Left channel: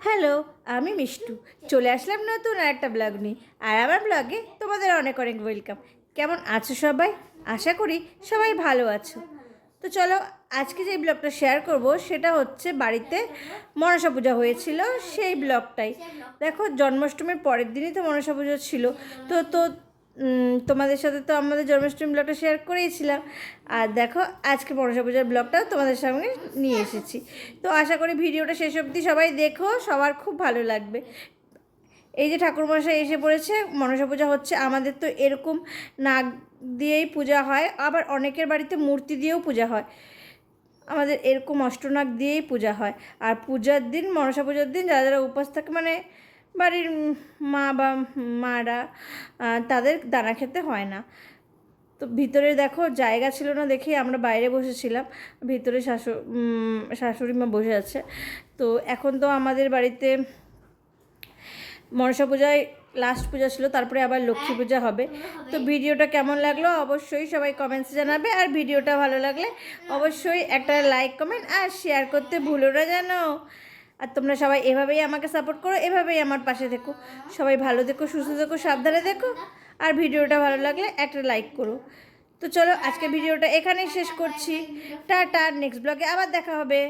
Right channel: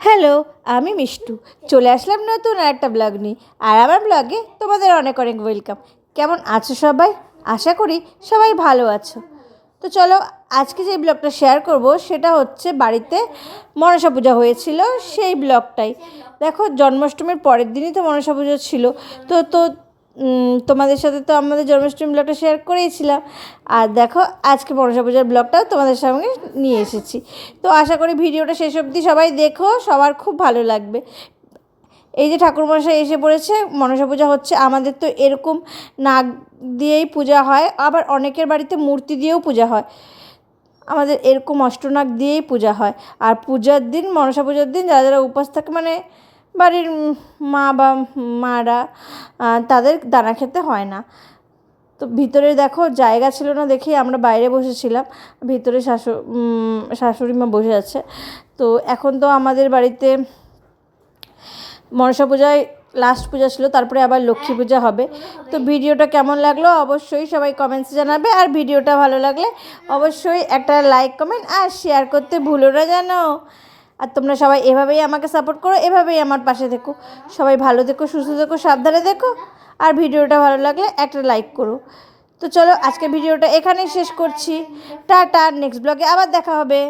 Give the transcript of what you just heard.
Hello, আমি মিষ্টু। চলে আসলাম নতুন একটা ব্লগ নিয়ে। আর আমার ব্লগে তোমাদের অনেক অনেক ওয়েলকাম। কেমন আছো সবাই? আশা করি সবাই ভালো আছো। তো চলো, আজকে যে ব্লগটা শেয়ার করব সেটা হচ্ছে বাড়িতে মনসা পূজা হয়েছিল সেই ব্লগটাই। দেখো, জন্মাষ্টমীর পরের দিনই তো মনসা পুজো ছিল। তো তো তোমাদের সাথে তো আমাদের জন্মাষ্টমী ব্লগটা শেয়ার করেইছিলাম। আর দেখো, আজকে মনসা পূজার ব্লগটাও তোমাদের সঙ্গে নিয়ে এসেছি। তো আশা করি ভিডিওটা শেষ অবধি সবাই দেখো, সবার খুব ভালো লাগবে। এই যে ঠাকুরমশাই এসে পড়েছে, মনসা পূজা হচ্ছে। আমাদের তো এরকম নাগ দিয়েই পূজা হয়, আবার অনেকের বাড়িতে মূর্তি দিয়েও পূজা হয়। আমাদের এরকম অষ্টনাগ দিয়েই পূজা হয়। আর পূজার দিন, মনসা পূজার দিন যারা যারা উপোস থাকে, মানে বাড়ির মা বা মারা, তাদের দানা খেতে হয় না। তো ভিতরে দেখো জায়গা ছিল না দেখেই আমরা বাইরে বসেছিলাম। ভিতরে শাশুড়ি মা বসে আছে। তো এখন তো আমাদের বাড়িতে মনসা পূজায় লাস্ট পূজা ছিল, তারপরে আবার লক্ষ্মী পূজা হবে। তো ভিডিওটা কেমন লাগলো অবশ্যই সবাই কমেন্টসে জানাবে। আর ভিডিওটা ভালো লাগলে অবশ্যই একটা লাইক, কমেন্ট আর শেয়ার করতে ভুলো না জানো। আর তোমরা সবাই এভাবেই আমাকে সাপোর্ট করো, এভাবেই আমার পাশে থেকো। সবাই ভালো থেকো, সুস্থ থেকো, সাবধানে থেকো। আর ভিডিওটা ভালো লাগলে একটা লাইক করো। তো চলো, আজকে ভিডিওটা এখানেই শেষ করছি। টাটা, নেক্সট ব্লগে আবার দেখা হবে।